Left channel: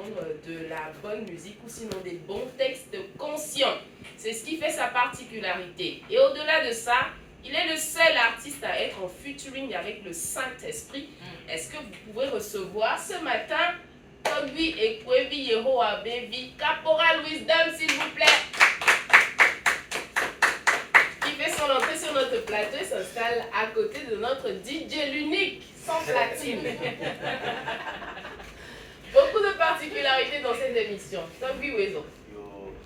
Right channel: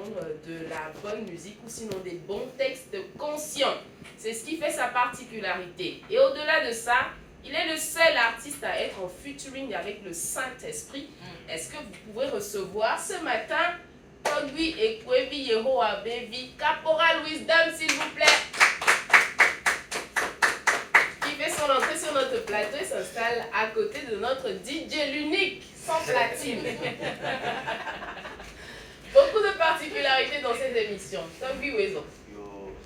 entendre de la bonne musique ou sinon des bons textes conscients. C'est ce qui fait sa particularité. Et au-delà de ça, il est le seul artiste à être en featuring avec le Saint-Esprit. Est-ce que vous pouvez recevoir ce matin Togbi Ekwebi Yehowa Baby, Caporal Wisdom, s'il vous plaît, qui fait son entrée sur notre plateau et s'installe à côté de notre DJ l'unique, sans platine. Beaucoup de particularités dans cette émission. Togbi Wezo.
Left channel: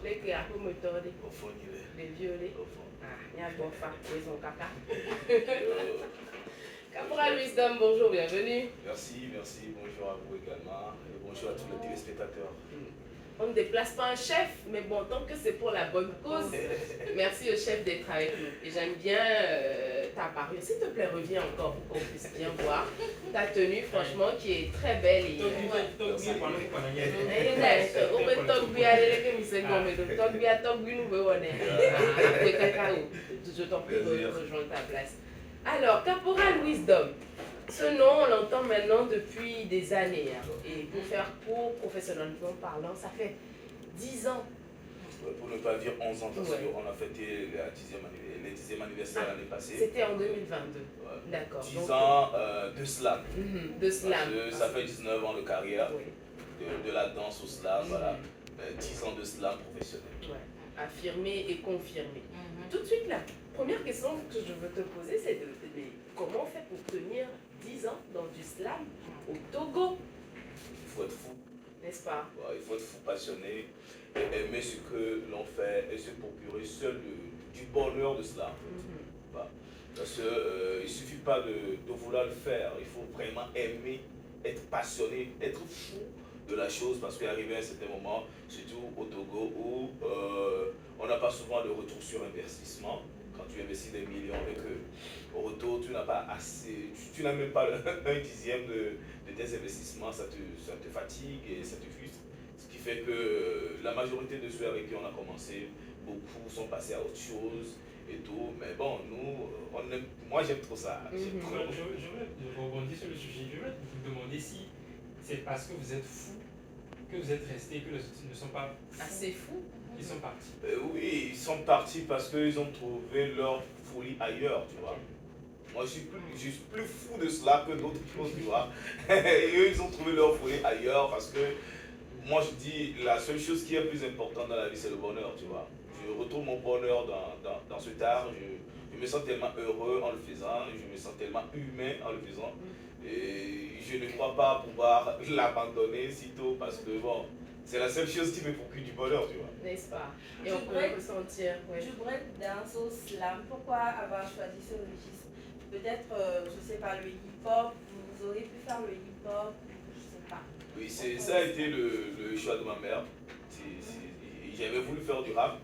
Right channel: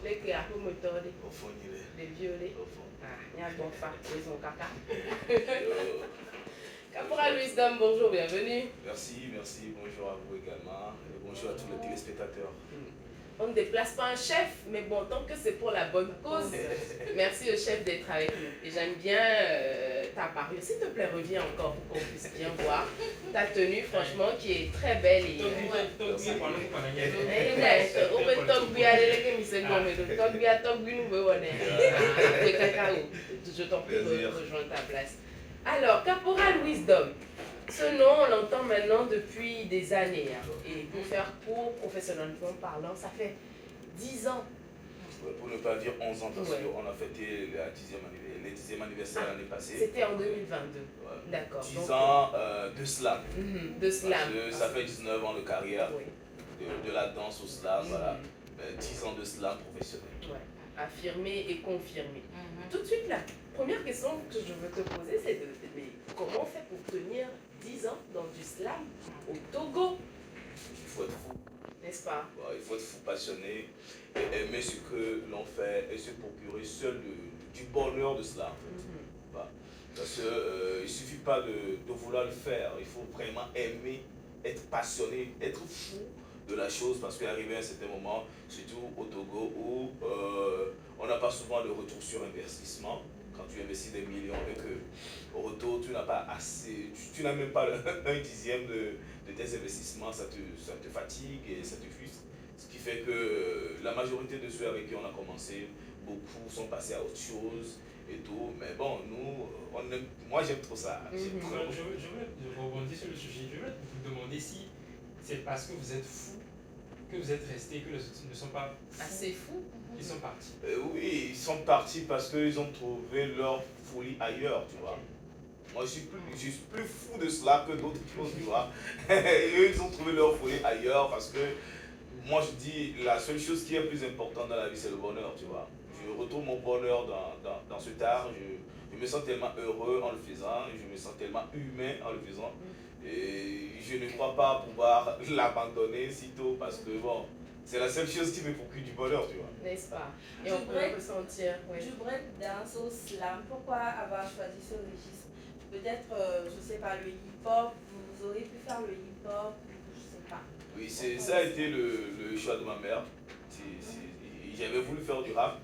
Les clairs, pour me tordre. Les violets. Ah, il y a un bon fa, Wezo Kaka. Caporal Wisdom, bonjour, bienvenue. Merci, bonjour à vous également et bonjour à tous les téléspectateurs. On ne déplace pas un chef, mais bon, tant que c'est pour la bonne cause, merci au chef d'être avec nous. Et j'aime bien ta parure. S'il te plaît, reviens encore pour qu'on puisse bien voir ta tenue, franchement, qui est très belle. Je t'en prie de rejoindre ta place. Alors, Caporal Wisdom, ce nom, on l'entend maintenant depuis des années. Hein. Et pour faire court, professionnellement parlant, ça fait 10 ans. Pour ne pas dire 11 ans, parce Ouais. qu'on a fêté le 10e anniversaire l'année passée. C'était en 2022. Ouais. D'accord. 10 ans de slam. De slam. Parce que ça fait 19 ans de carrière, Oui. de la danse au slam, voilà. 10 ans de slam professionnel. Ouais. Affirmé et confirmé. Tout de suite, la première question que je veux te poser, c'est de comment on fait pour tenir 10 ans dans du slam au Togo, Il faut être fou. n'est-ce pas? Ouais, il faut être fou, passionné, et aimer ce que l'on fait et se procurer seul du bonheur de cela. Voilà. Parce qu'il ne suffit pas de vouloir le faire, il faut vraiment aimer, être passionné, être fou de la chose, parce qu'arrivé à un certain moment, surtout au Togo, où on n'a pas souvent de retour sur investissement. Quand tu investis des millions et que au retour tu n'as pas assez, tu n'as même pas un dixième de tes investissements, ça te fatigue et ça te frustre. Ce qui fait que la majorité de ceux avec qui on a commencé, beaucoup sont passés à autre chose et tout. Mais bon, nous, moi j'aime trop ça. Je veux rebondir sur le sujet. Je veux vous demander si c'est parce que vous êtes fou que vous êtes resté, que les autres ne sont pas fous. Assez fou. Ils sont partis. Oui, ils sont partis parce qu'ils ont trouvé leur folie ailleurs, tu vois. Moi, je suis plus fou de cela que d'autres choses, tu vois. Et eux, ils ont trouvé leur folie ailleurs parce que moi, je dis, la seule chose qui est plus importante dans la vie, c'est le bonheur, tu vois. Je retrouve mon bonheur dans cet art. Je me sens tellement heureux en le faisant. Je me sens tellement humain en le faisant. Et je ne crois pas pouvoir l'abandonner sitôt parce que, bon, c'est la seule chose qui me procure du bonheur, tu vois. N'est-ce pas? Et on peut le sentir. Ouais. Du breakdance au slam, pourquoi avoir choisi ce registre? Peut-être, je ne sais pas, le hip-hop, vous auriez pu faire le hip-hop, je ne sais pas. Oui, ça a été le choix de ma mère. J'avais voulu faire du rap.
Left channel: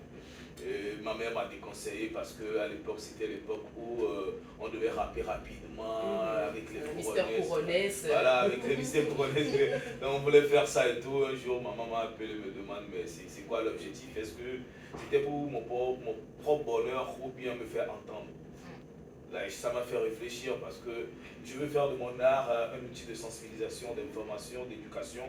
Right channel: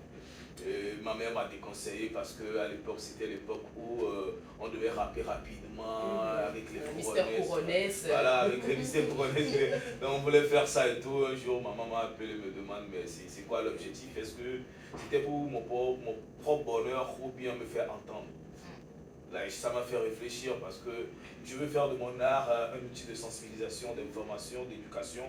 Et ma mère m'a déconseillé parce qu'à l'époque, c'était l'époque où on devait rapper rapidement avec les couronnesses. Voilà, avec les mystères couronnesses. Donc on voulait faire ça et tout. Un jour, ma maman m'a appelé et me demande mais c'est quoi l'objectif? Est-ce que c'était pour mon propre bonheur ou bien me faire entendre? Là, ça m'a fait réfléchir parce que je veux faire de mon art un outil de sensibilisation, d'information, d'éducation.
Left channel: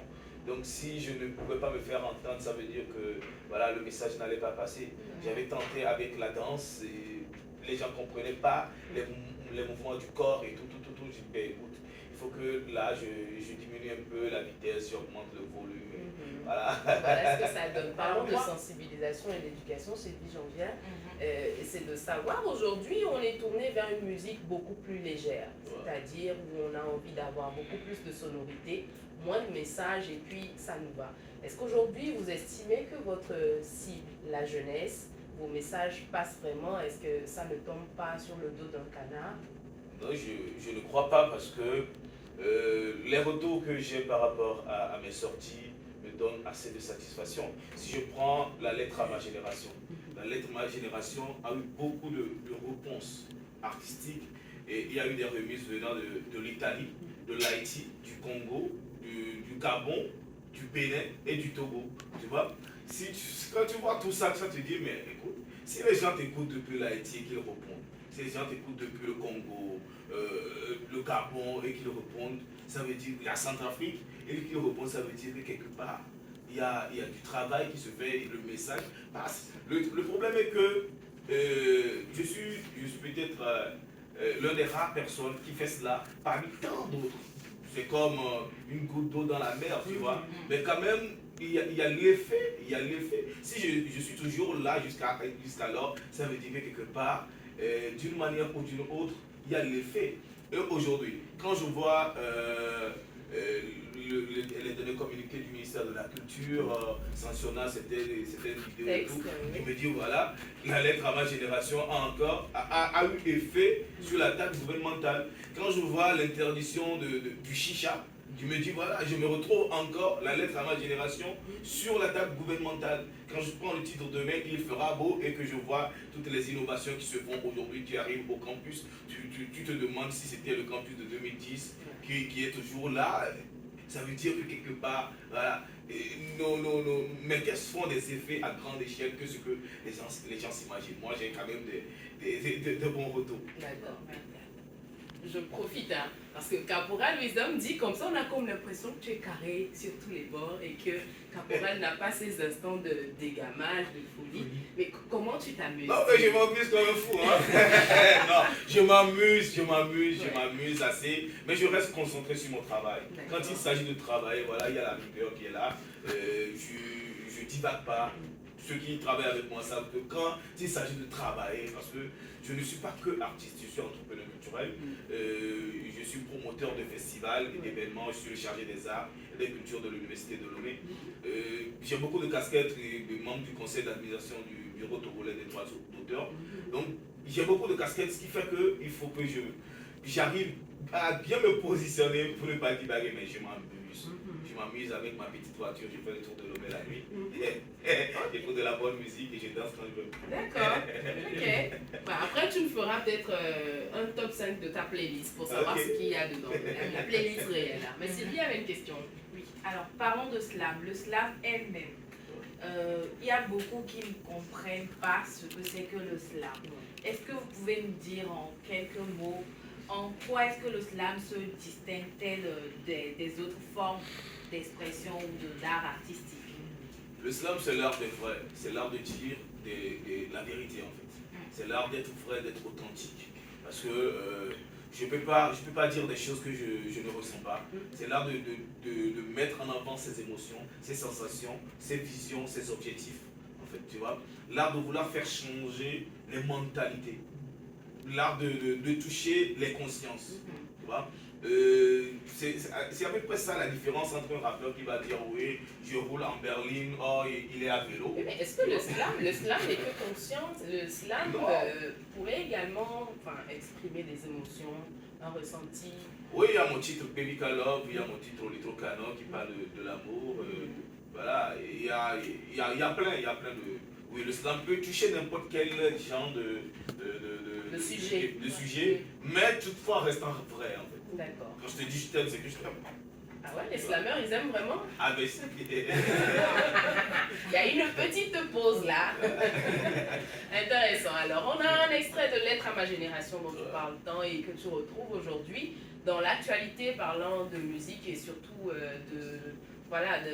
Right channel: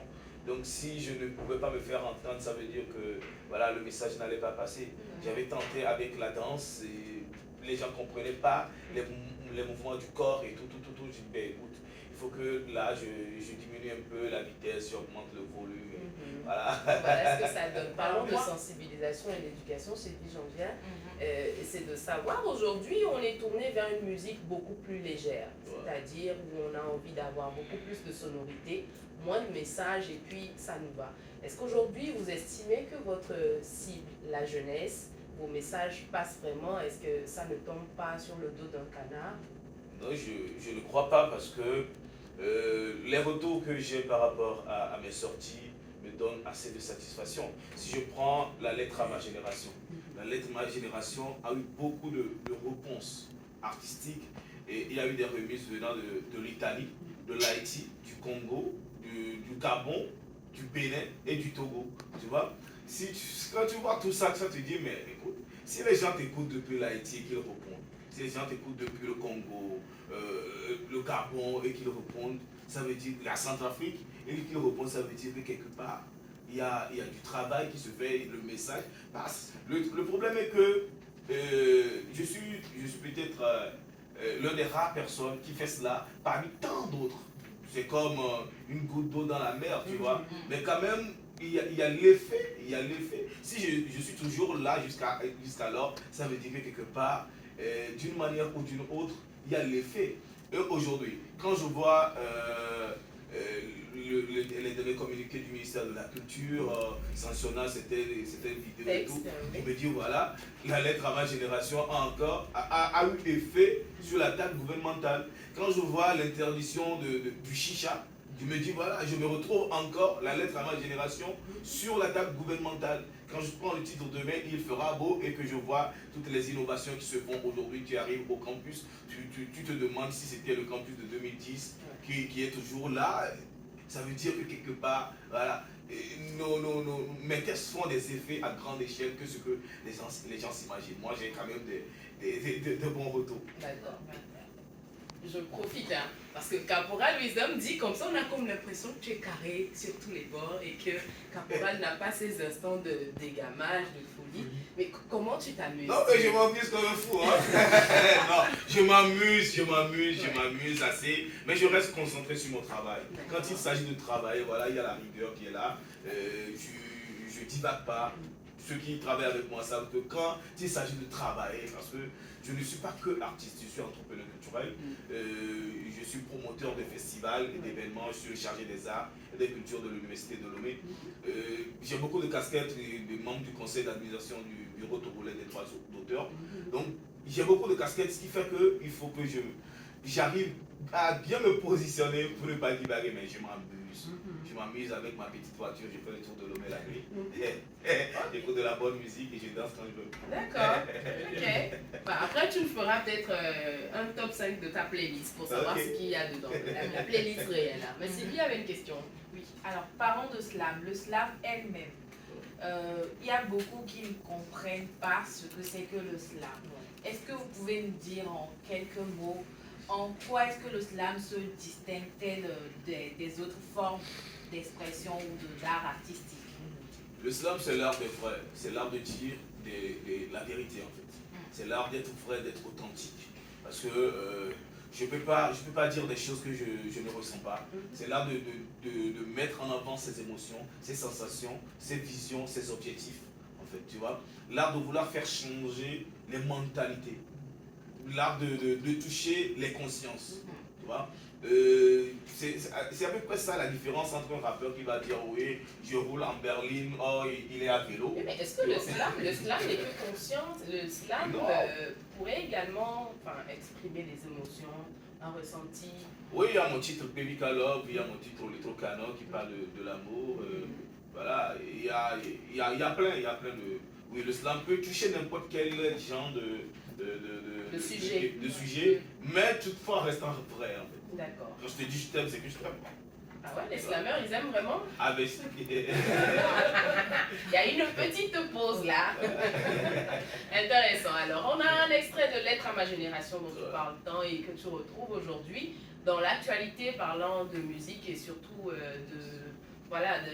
Donc si je ne pouvais pas me faire entendre, ça veut dire que voilà, le message n'allait pas passer. J'avais tenté avec la danse et les gens ne comprenaient pas les mouvements du corps et tout. Je dis, ben, écoute, il faut que là, je diminue un peu la vitesse, j'augmente le volume. Voilà. Voilà ce que ça donne. Parlons de sensibilisation et d'éducation, c'est dit Jean-Pierre. C'est de savoir, aujourd'hui, on est tourné vers une musique beaucoup plus légère. C'est-à-dire où on a envie d'avoir beaucoup plus de sonorité, moins de messages et puis ça nous va. Est-ce qu'aujourd'hui, vous estimez que votre cible, la jeunesse, vos messages passent vraiment? Est-ce que ça ne tombe pas sur le dos d'un canard? Non, je ne crois pas parce que les retours que j'ai par rapport à mes sorties me donnent assez de satisfaction. Si je prends la lettre à ma génération, la lettre à ma génération a eu beaucoup de réponses artistiques et il y a eu des remises venant de l'Italie, de l'Haïti, du Congo, du Gabon, du Bénin et du Togo. Tu vois, quand tu vois tout ça, tu te dis, mais écoute, si les gens t'écoutent depuis l'Haïti et qu'ils répondent, si les gens t'écoutent depuis le Congo, le Gabon et qu'ils répondent, ça veut dire la Centrafrique et qu'il répond, ça veut dire que quelque part, il y a du travail qui se fait et le message passe. Le problème est que je suis peut-être l'une des rares personnes qui fait cela parmi tant d'autres. C'est comme une goutte d'eau dans la mer, tu vois. Mais quand même, il y a l'effet. Si je suis toujours là jusqu'alors, ça veut dire que quelque part, d'une manière ou d'une autre, il y a l'effet. Et aujourd'hui, quand je vois les derniers communiqués du ministère de la Culture sanctionnant cette vidéo et tout, je me dis voilà, la lettre à ma génération a eu effet sur la table gouvernementale. Quand je vois l'interdiction du chicha, je me dis voilà, je me retrouve encore la lettre à ma génération sur la table gouvernementale. Quand je prends le titre demain, il fera beau et que je vois toutes les innovations qui se font aujourd'hui, qui arrivent au campus, tu te demandes si c'était le campus de 2010 qui est toujours là. Ça veut dire que quelque part, voilà, mais quels sont des effets à grande échelle que ce que les gens s'imaginent. Moi, j'ai quand même de bons retours. D'accord. Je profite, hein, parce que Caporal Wisdom dit comme ça, on a comme l'impression que tu es carré sur tous les bords et que Caporal n'a pas ces instants d'égamage, de folie. Mais comment tu t'amuses? Non, mais je m'amuse comme un fou. Hein. Non, je m'amuse assez, mais je reste concentré sur mon travail. Quand il s'agit de travailler, voilà, il y a la rigueur qui est là. Je divague pas. Ceux qui travaillent avec moi savent que quand il s'agit de travailler, parce que je ne suis pas que artiste, je suis entrepreneur culturel, je suis promoteur de festivals et d'événements, je suis le chargé des arts et des cultures de l'Université de Lomé. J'ai beaucoup de casquettes de membre du conseil d'administration du Bureau togolais des droits d'auteur. Donc j'ai beaucoup de casquettes, ce qui fait qu'il faut que j'arrive à bien me positionner pour ne pas divaguer, mais je m'amuse. Je m'amuse avec ma petite voiture, je fais le tour de Lomé la nuit. J'écoute de la bonne musique et je danse quand je veux. D'accord, ok. Bah, après, tu me feras peut-être un top 5 de ta playlist pour savoir ce qu'il y a dedans. La playlist réelle. Hein. Mais Sylvie avait une question. Oui, alors parlons de slam. Le slam elle-même. Il y a beaucoup qui ne comprennent pas ce que c'est que le slam. Est-ce que vous pouvez nous dire en quelques mots en quoi est-ce que le slam se distingue-t-il des autres formes d'expression ou d'art artistique? Le slam, c'est l'art d'être vrai, c'est l'art de dire la vérité en fait. C'est l'art d'être vrai, d'être authentique. Parce que je ne peux pas dire des choses que je ne ressens pas. C'est l'art de mettre en avant ses émotions, ses sensations, ses visions, ses objectifs. En fait, tu vois. L'art de vouloir faire changer les mentalités. L'art de toucher les consciences. Tu vois. C'est à peu près ça la différence entre un rappeur qui va dire oui, je roule en berline, oh il est à vélo. Mais est-ce que le slam n'est que conscience? Le slam pourrait également exprimer des émotions, un ressenti? Oui, il y a mon titre Baby Love, il y a mon titre Little Cano qui parle de l'amour. Voilà, il y a plein de... Oui, le slam peut toucher n'importe quel genre de sujet, mais toutefois restant vrai en fait. D'accord. Quand je te dis je t'aime, c'est que je t'aime. Ah ouais, les slammeurs, ils aiment vraiment? Ah ben Il y a une petite pause là. Intéressant. Alors, on a un extrait de Lettre à ma génération dont tu parles tant et que tu retrouves aujourd'hui dans l'actualité parlant de musique et surtout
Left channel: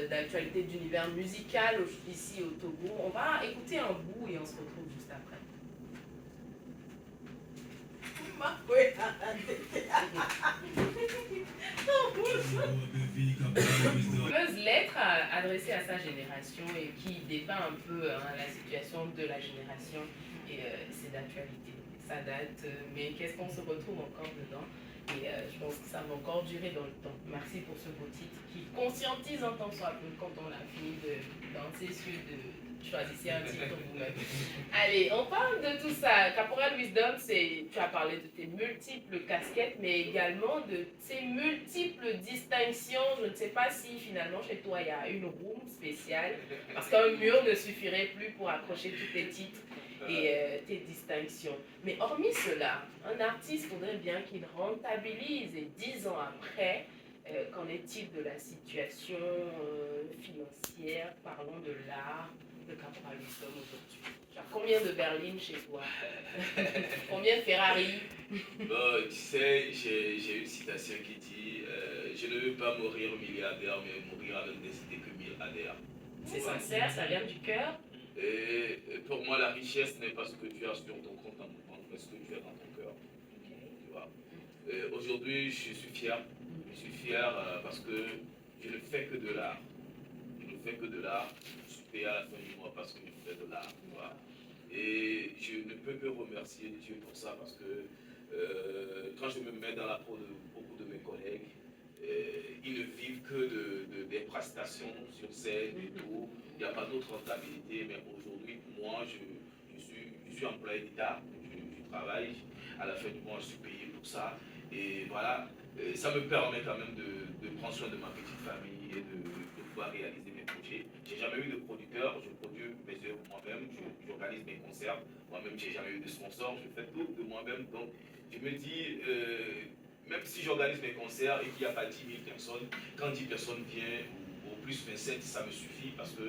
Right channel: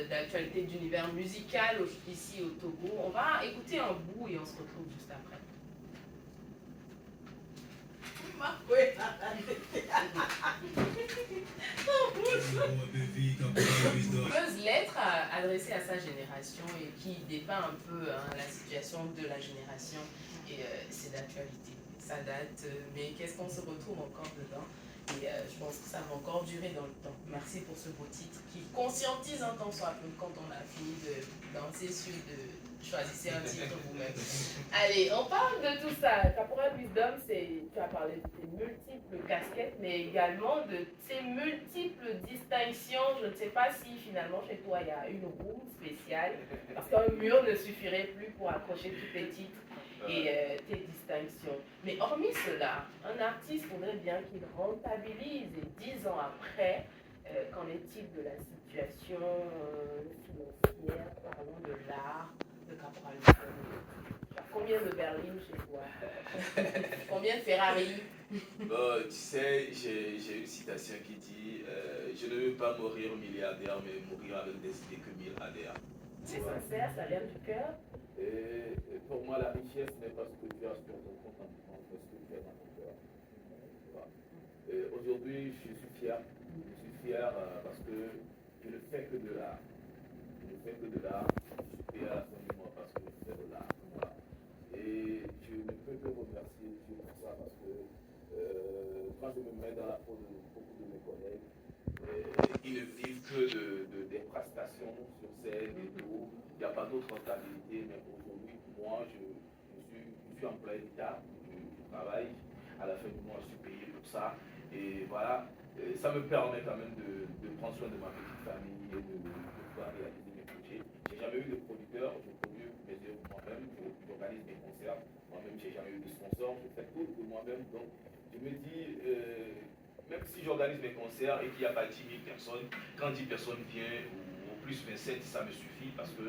d'actualité d'univers musical ici au Togo. On va écouter un bout et on se retrouve juste après. Fameuse lettre adressée à sa génération et qui dépeint un peu la situation de la génération et c'est d'actualité. Ça date, mais qu'est-ce qu'on se retrouve encore dedans? Et je pense que ça va encore durer dans le temps. Merci pour ce beau titre qui conscientise un temps soit peu quand on a fini de danser sur choisissez un titre vous-même. Allez, on parle de tout ça. Caporal Wisdom, tu as parlé de tes multiples casquettes, mais également de tes multiples distinctions. Je ne sais pas si finalement chez toi il y a une room spéciale, parce qu'un mur ne suffirait plus pour accrocher tous tes titres et tes distinctions. Mais hormis cela, un artiste faudrait bien qu'il rentabilise et 10 ans après, qu'en est-il de la situation financière? Parlons de l'art de Caporal Wisdom aujourd'hui. Tu as combien de berlines chez toi? Combien de Ferrari? Bon, tu sais, j'ai une citation qui dit je ne veux pas mourir milliardaire, mais mourir avec des idées que milliardaire. C'est sincère, ça vient du cœur. Et pour moi, la richesse n'est pas ce que tu as sur ton compte en banque, mais ce que tu as dans ton cœur. Tu vois. Aujourd'hui, je suis fier. Je suis fier parce que je ne fais que de l'art. Je ne fais que de l'art. Je suis payé à la fin du mois parce que je fais de l'art. Tu vois. Et je ne peux que remercier Dieu pour ça parce que quand je me mets dans la peau de beaucoup de mes collègues, ils ne vivent que des prestations sur scène et tout. Il n'y a pas d'autre rentabilité, mais aujourd'hui, moi, je suis employé d'État, je travaille, à la fin du mois, je suis payé pour ça. Et voilà, ça me permet quand même de prendre soin de ma petite famille et de pouvoir réaliser mes projets. J'ai jamais eu de producteur, je produis mes œuvres moi-même, j'organise mes concerts, moi-même, j'ai jamais eu de sponsor, je fais tout de moi-même. Donc, je me dis, même si j'organise mes concerts et qu'il n'y a pas 10 000 personnes, quand 10 personnes viennent, ou plus 27, ça me suffit parce que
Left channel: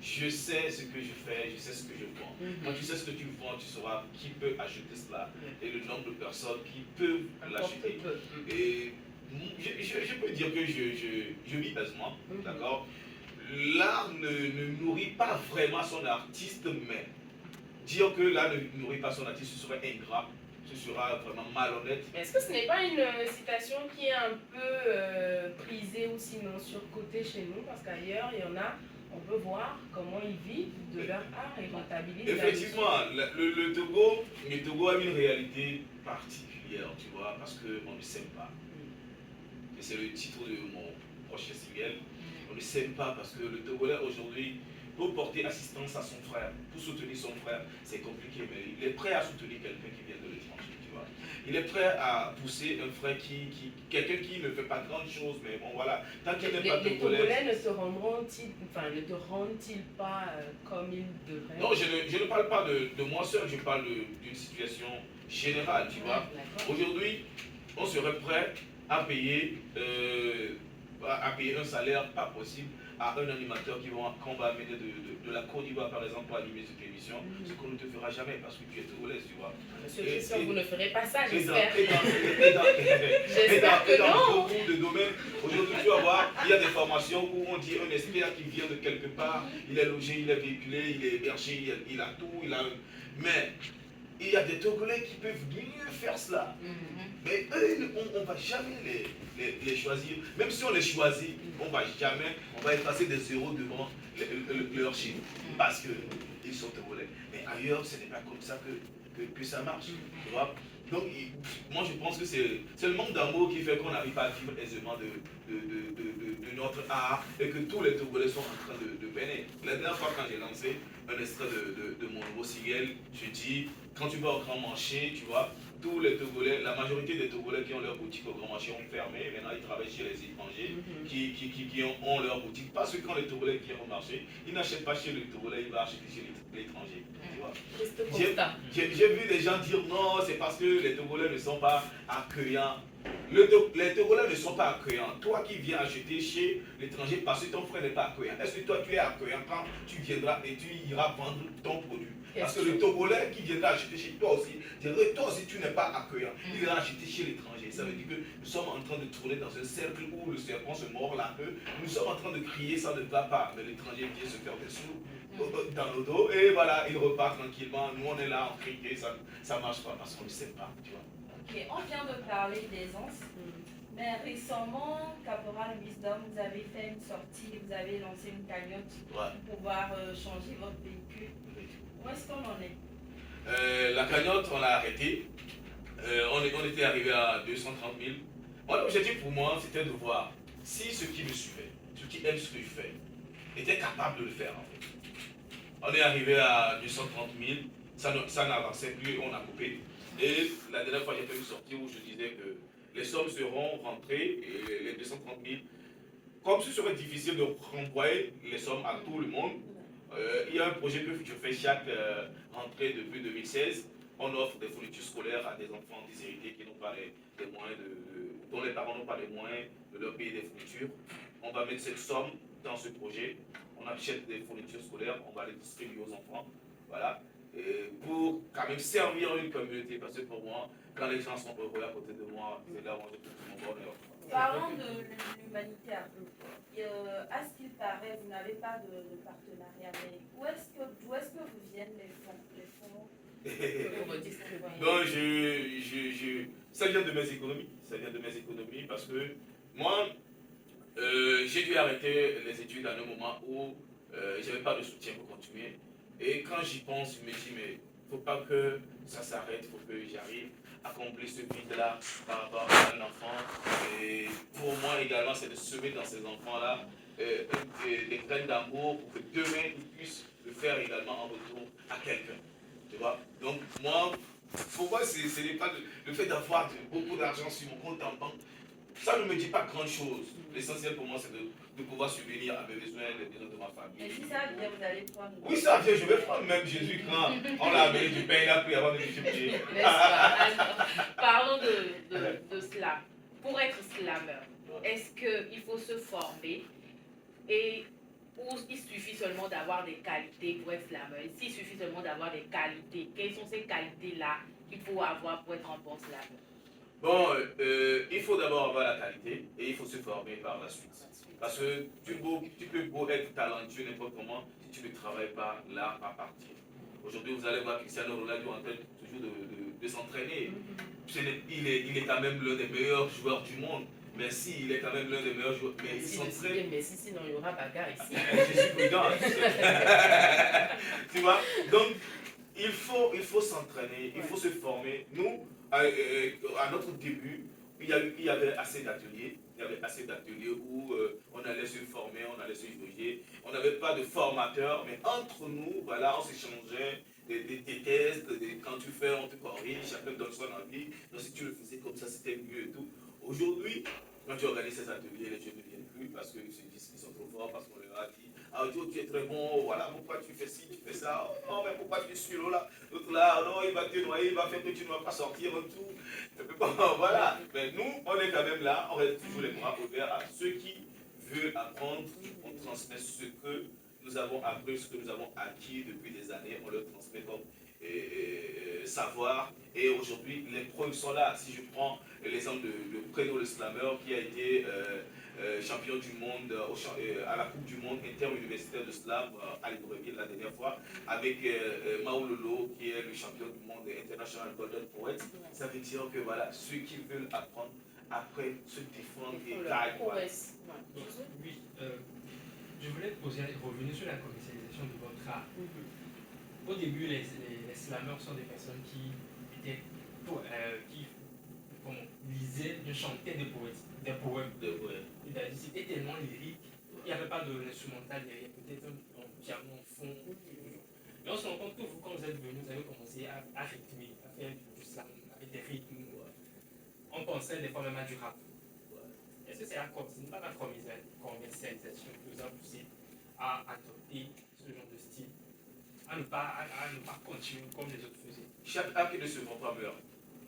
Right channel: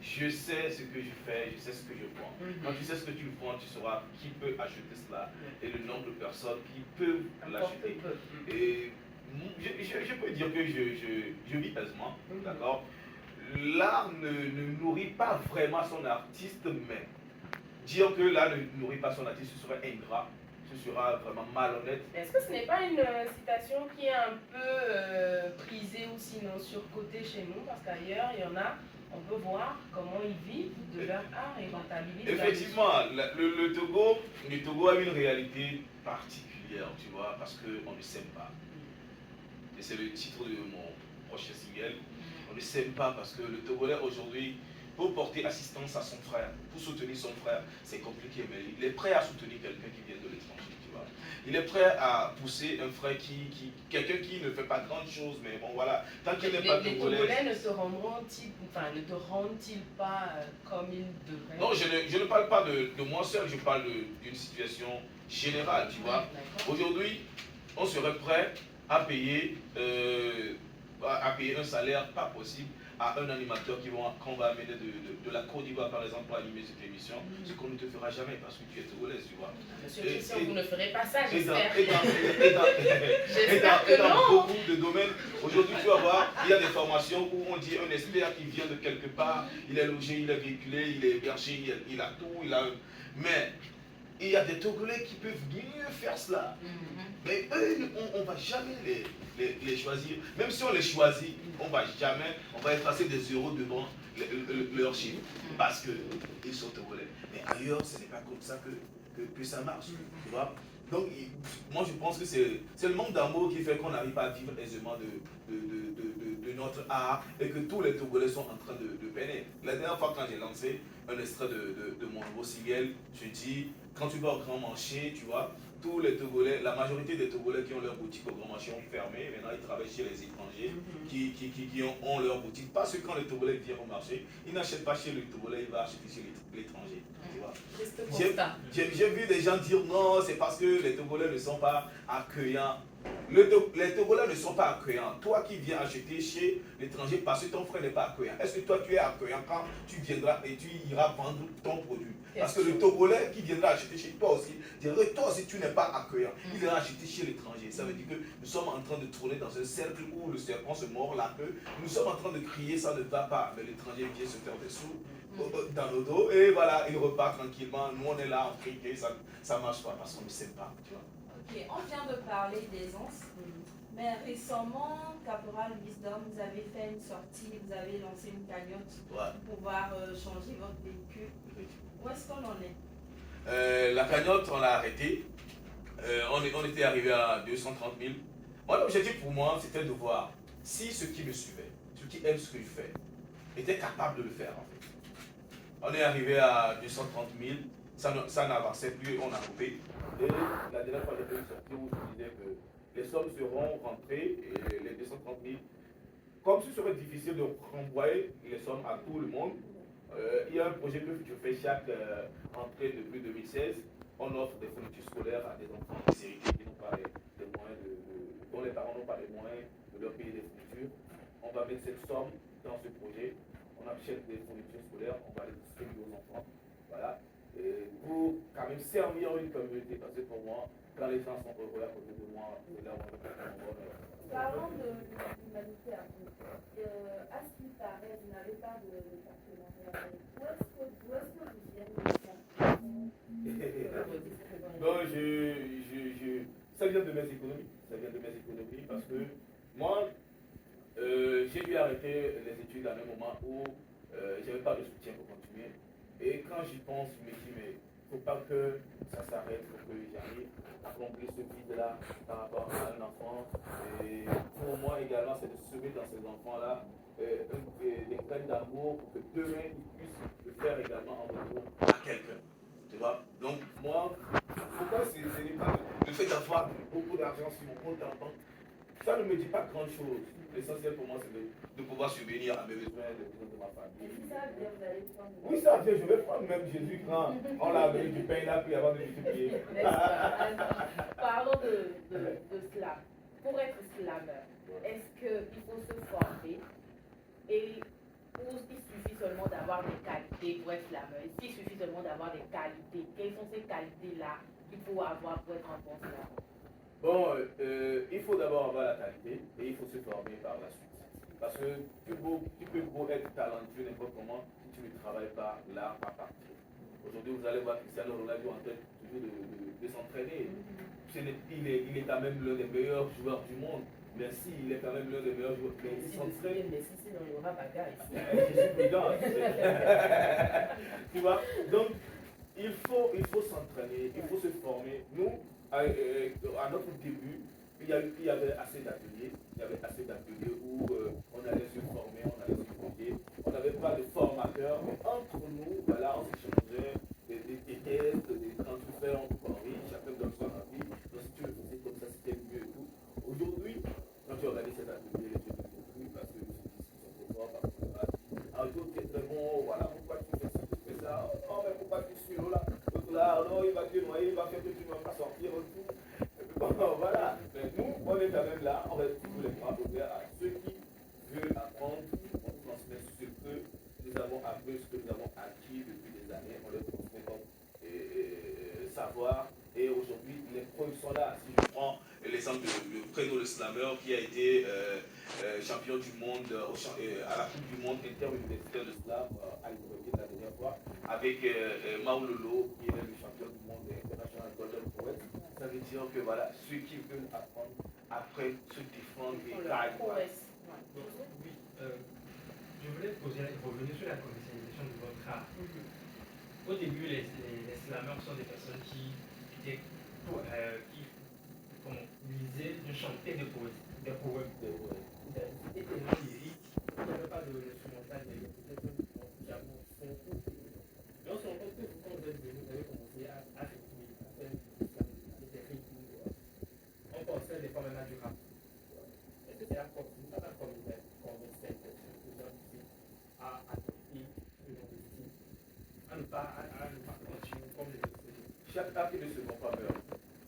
je sais ce que je fais, je sais ce que je vends. Quand tu sais ce que tu vends, tu sauras qui peut acheter cela et le nombre de personnes qui peuvent l'acheter. Et je peux dire que je vis aisément, d'accord. L'art ne nourrit pas vraiment son artiste, mais dire que l'art ne nourrit pas son artiste, ce serait ingrat. Ce sera vraiment malhonnête. Est-ce que ce n'est pas une citation qui est un peu prisée ou sinon surcotée chez nous? Parce qu'ailleurs, il y en a, on peut voir comment ils vivent de leur art et rentabilisent. Effectivement, le Togo a une réalité particulière, tu vois, parce qu'on ne s'aime pas. Et c'est le titre de mon prochain single. On ne s'aime pas parce que le Togolais aujourd'hui, pour porter assistance à son frère, pour soutenir son frère, c'est compliqué, mais il est prêt à soutenir quelqu'un qui vient de l'étranger, tu vois. Il est prêt à pousser un frère quelqu'un qui ne fait pas grande chose, mais bon voilà, tant qu'il n'est pas les Togolais ne te rendent-ils pas comme ils devraient? Non, je ne parle pas de moi seul, je parle d'une situation générale, tu vois. Aujourd'hui, on serait prêt à payer un salaire pas possible à un animateur qu'on va amener de la Côte d'Ivoire, par exemple, pour animer cette émission, ce qu'on ne te fera jamais parce que tu es togolaise, tu vois. Monsieur Christian, vous ne ferez pas ça, j'espère. J'espère que non. Dans beaucoup de domaines, aujourd'hui, tu vas voir, il y a des formations où on dit un expert qui vient de quelque part, il est logé, il est véhiculé, il est hébergé, il a tout, mais il y a des Togolais qui peuvent mieux faire cela. Mais eux, on ne va jamais les choisir. Même si on les choisit, on va effacer des euros devant leur chiffre. Parce qu'ils sont Togolais. Mais ailleurs, ce n'est pas comme ça que ça marche. Tu vois? Donc, moi, je pense que c'est le manque d'amour qui fait qu'on n'arrive pas à vivre aisément de notre art et que tous les Togolais sont en train de peiner. La dernière fois, quand j'ai lancé un extrait de mon nouveau single, je dis, quand tu vas au Grand Marché, tu vois, tous les Togolais, la majorité des Togolais qui ont leur boutique au Grand Marché ont fermé. Maintenant, ils travaillent chez les étrangers qui ont leur boutique. Parce que quand les Togolais viennent au marché, ils n'achètent pas chez les Togolais, ils vont acheter chez l'étranger. J'ai vu des gens dire non, c'est parce que les Togolais ne sont pas accueillants. Les Togolais ne sont pas accueillants. Toi qui viens acheter chez l'étranger parce que ton frère n'est pas accueillant, est-ce que toi tu es accueillant quand tu viendras et tu iras vendre ton produit? Parce que le Togolais qui viendra acheter chez toi aussi, dirait toi aussi tu n'es pas accueillant. Il ira acheter chez l'étranger. Ça veut dire que nous sommes en train de tourner dans un cercle où le serpent se mord la queue. Nous sommes en train de crier, ça ne va pas. Mais l'étranger vient se faire des sous dans nos dos et voilà, il repart tranquillement. Nous on est là, on crie, ça ne marche pas parce qu'on ne sait pas. Tu vois. Ok, on vient de parler d'aisance, mais récemment, Caporal Wisdom, vous avez fait une sortie, vous avez lancé une cagnotte pour pouvoir changer votre véhicule. Où est-ce qu'on en est? La cagnotte, on l'a arrêtée. On était arrivé à 230 000. L'objectif pour moi, c'était de voir si ceux qui me suivaient, ceux qui aiment ce que je fais, étaient capables de le faire en fait. On est arrivé à 230 000, ça n'avançait plus, on a coupé. Et la dernière fois, j'ai fait une sortie où je disais que les sommes seront rentrées et les 230 000, comme ce serait difficile de renvoyer les sommes à tout le monde, il y a un projet que je fais chaque rentrée depuis 2016. On offre des fournitures scolaires à des enfants déshérités qui n'ont pas les moyens dont les parents n'ont pas les moyens de leur payer des fournitures. On va mettre cette somme dans ce projet. On achète des fournitures scolaires, on va les distribuer aux enfants. Voilà. Et pour quand même servir une communauté. Parce que pour moi, quand les gens sont heureux à côté de moi, c'est là où on retrouve mon bonheur. Parlons de l'humanité un peu. À ce qu'il paraît, vous n'avez pas de partenariat, mais d'où est-ce que vous viennent les fonds? Non, ça vient de mes économies. Ça vient de mes économies parce que moi, j'ai dû arrêter les études à un moment où je n'avais pas de soutien pour continuer. Et quand j'y pense, je me dis, mais il ne faut pas que ça s'arrête, il faut que j'arrive à combler ce vide-là par rapport à un enfant. Et pour moi également, c'est de semer dans ces enfants-là des graines d'amour pour que demain, ils puissent le faire également en retour à quelqu'un. Tu vois? Donc, moi, pour moi, ce n'est pas le fait d'avoir beaucoup d'argent sur mon compte en banque. Ça ne me dit pas grand-chose. L'essentiel pour moi, c'est de pouvoir subvenir à mes besoins et les besoins de ma famille. Et si ça vient, vous allez prendre? Oui, ça vient, je vais prendre même Jésus quand on l'a amené du pain, il a pris avant de multiplier. Parlons de slam. Pour être slammer, est-ce qu'il faut se former ou il suffit seulement d'avoir des qualités pour être slammer? S'il suffit seulement d'avoir des qualités, quelles sont ces qualités-là qu'il faut avoir pour être un bon slammer? Bon, il faut d'abord avoir la qualité et il faut se former par la suite. Parce que tu peux beau être talentueux n'importe comment si tu ne travailles pas l'art à partir. Aujourd'hui, vous allez voir Cristiano Ronaldo en train toujours de s'entraîner. Il est quand même l'un des meilleurs joueurs du monde. Merci, il est quand même l'un des meilleurs joueurs. Mais il s'entraîne. Mais si, sinon il y aura bagarre ici. Je suis prudent. Tu vois? Donc, il faut s'entraîner, il faut se former. Nous, à notre début, il y avait assez d'ateliers. Il y avait assez d'ateliers où on allait se former, on allait se diriger. On n'avait pas de formateur, mais entre nous, voilà, on s'échangeait des tests, quand tu fais, on te corrige, chacun donne son avis. Donc si tu le faisais comme ça, c'était mieux et tout. Aujourd'hui, quand tu organises ces ateliers, les jeunes ne viennent plus parce qu'ils se disent qu'ils sont trop forts, parce qu'on leur a dit, ah Dieu, tu es très bon, voilà pourquoi tu fais ci, tu fais ça, oh non, mais pourquoi tu es sur là, l'autre là, non, il va te noyer, il va faire que tu ne vas pas sortir et tout. Et puis bon, voilà. Mais nous, on est quand même là, on reste toujours les bras ouverts à ceux qui veulent apprendre, on transmet ce que nous avons appris, ce que nous avons acquis depuis des années, on leur transmet comme savoir. Et aujourd'hui, les pros sont là. Si je prends l'exemple de Préno le Slammer qui a été champion du monde à la Coupe du monde interuniversitaire de slam à Libreville la dernière fois, avec Maulolo qui est le champion du monde international Golden Poet. Ça veut dire que voilà, ceux qui veulent apprendre après se défendre et taillent. Oui, je voulais revenir sur la commercialisation de votre art. Au début, les slammers sont des personnes qui lisaient, chantaient des poèmes. C'était tellement lyrique, il n'y avait pas d'instrumental derrière, peut-être un piano en fond. Mais on se rend compte que vous, quand vous êtes venu, vous avez commencé à rythmer, à faire du slam avec des rythmes. On pensait des fois même à du rap. Est-ce que c'est ce n'est pas la commercialisation qui vous a poussé à adopter ce genre de style, à ne pas continuer comme les autres faisaient? Chaque art qui ne se vend pas meurt.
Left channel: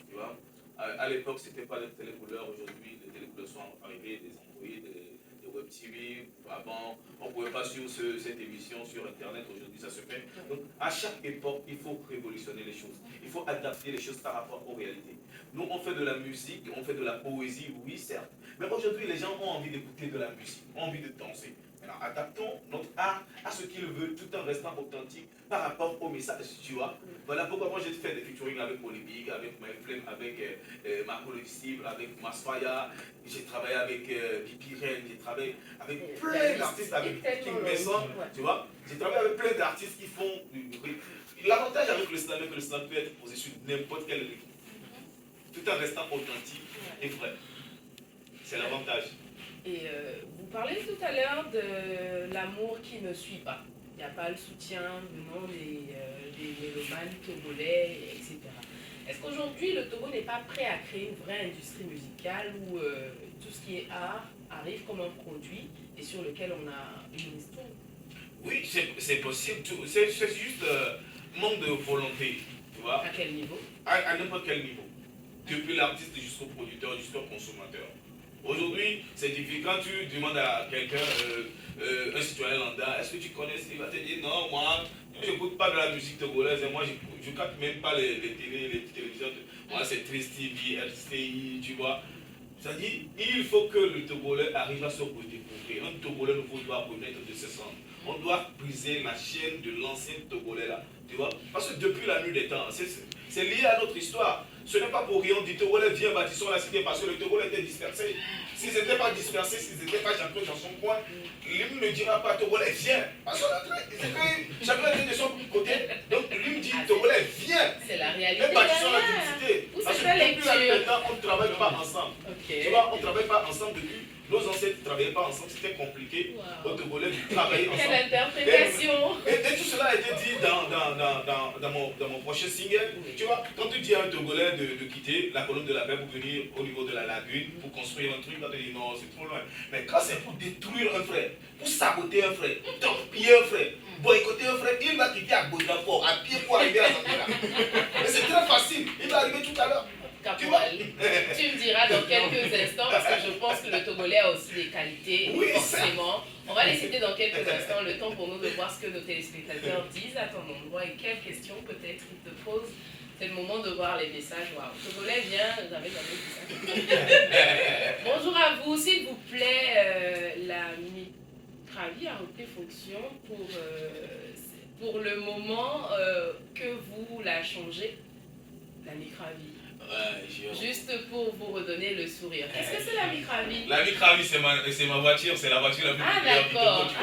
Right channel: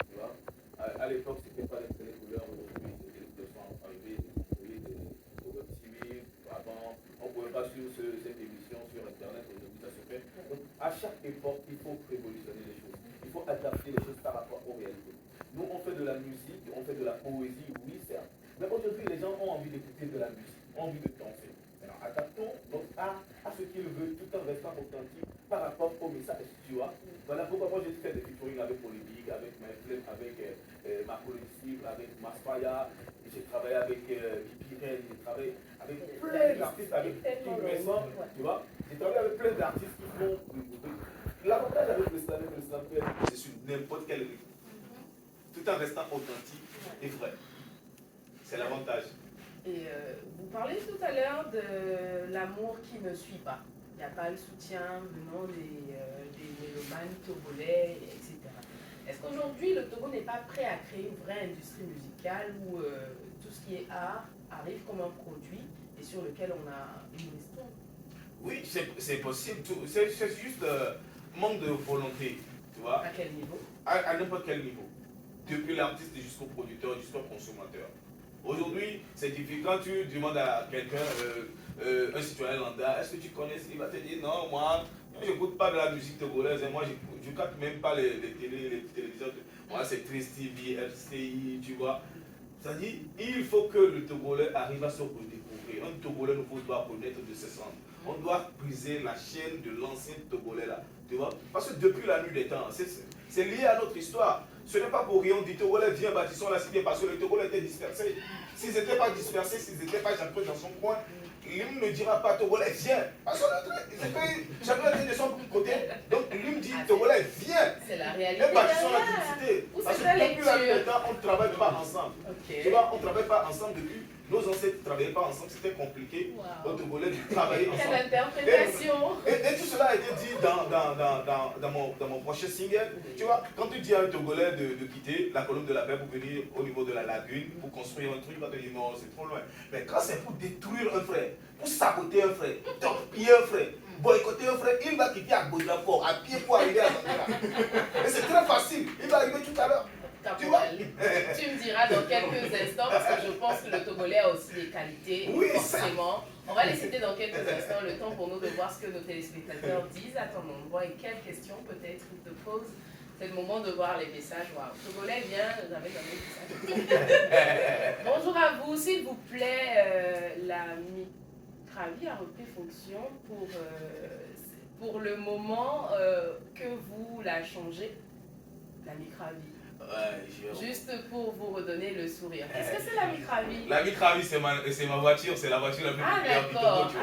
Tu vois? À l'époque, ce n'était pas des télécouleurs. Aujourd'hui, les télécouleurs sont arrivées, des employés, des web TV. Avant, on ne pouvait pas suivre cette émission sur Internet. Aujourd'hui, ça se fait. Donc, à chaque époque, il faut révolutionner les choses. Il faut adapter les choses par rapport aux réalités. Nous, on fait de la musique, on fait de la poésie, oui, certes. Mais aujourd'hui, les gens ont envie d'écouter de la musique, ont envie de danser. Alors, adaptons notre art à ce qu'ils veulent tout en restant authentique par rapport au message, tu vois. Voilà pourquoi moi j'ai fait des featuring avec Polémique, avec My Flame, avec Marco Le Cible, avec Masfaya. J'ai travaillé avec Pipi Ren, j'ai travaillé avec plein d'artistes, avec King Mason, tu vois. J'ai travaillé avec plein d'artistes qui font du bruit. L'avantage avec le slam, c'est que le slam peut être posé sur n'importe quel rythme, tout en restant authentique et vrai. C'est l'avantage. Et vous parlez tout à l'heure de l'amour qui ne suit pas. Il n'y a pas le soutien venant des mélomanes togolais, etc. Est-ce qu'aujourd'hui, le Togo n'est pas prêt à créer une vraie industrie musicale où tout ce qui est art arrive comme un produit et sur lequel on a une histoire? Oui, c'est possible. C'est juste manque de volonté, tu vois. À quel niveau? À n'importe quel niveau. Depuis l'artiste jusqu'au producteur, jusqu'au consommateur. Aujourd'hui, c'est difficile. Quand tu demandes à quelqu'un, un citoyen lambda, est-ce que tu connais? Il va te dire non, moi, je n'écoute pas de la musique togolaise. Moi, je ne capte même pas les télévisions. Moi, c'est Triste TV, RCI, tu vois. C'est-à-dire, il faut que le Togolais arrive à se redécouvrir. Un Togolais nouveau doit connaître de ses centres. On doit briser la chaîne de l'ancien Togolais là. Tu vois? Parce que depuis la nuit des temps, c'est lié à notre histoire. Ce n'est pas pour rien, on dit Togolais, viens, bâtissons la cité, parce que le Togolais était dispersé. S'ils n'étaient pas dispersés, s'ils n'étaient pas chacun dans son coin, l'hymne ne dira pas Togolais, viens. Parce que chacun était de son côté. Donc l'hymne dit Togolais, viens. C'est la réalité. Mais bâtissons la cité. Où Parce c'est que ta depuis la nuit lecture? des temps, on ne travaille pas ensemble. Ok. Tu vois, on ne travaille pas ensemble depuis. Nos ancêtres ne travaillaient pas ensemble, c'était compliqué. Wow. Aux Togolais de travailler ensemble. Quelle interprétation! Et tout cela a été dit dans mon prochain single. Tu vois, quand tu dis à un Togolais de quitter la colonne de la paix pour venir au niveau de la lagune, pour construire un truc, il va te dire non, c'est trop loin. Mais quand c'est pour détruire un frère, pour saboter un frère, torpiller un frère, boycotter un frère, il va quitter à Baudelaire, à pied pour arriver à Zambéla. Et c'est très facile, il va arriver tout à l'heure. Caporal, tu me diras dans quelques instants, parce que je pense que le Togolais a aussi des qualités, Oui, forcément. On va les citer dans quelques instants, le temps pour nous de voir ce que nos téléspectateurs disent à ton endroit et quelles questions peut-être ils te posent. C'est le moment de voir les messages. Waouh, Togolais, viens, j'avais jamais dit ça. Bonjour à vous, s'il vous plaît, la Mitravi a repris fonction pour le moment que vous la changez, la Mitravi. Ouais, juste pour vous redonner le sourire. Qu'est-ce que c'est la Mitravi? La Mitravi, c'est ma voiture, c'est la voiture la plus d'accord.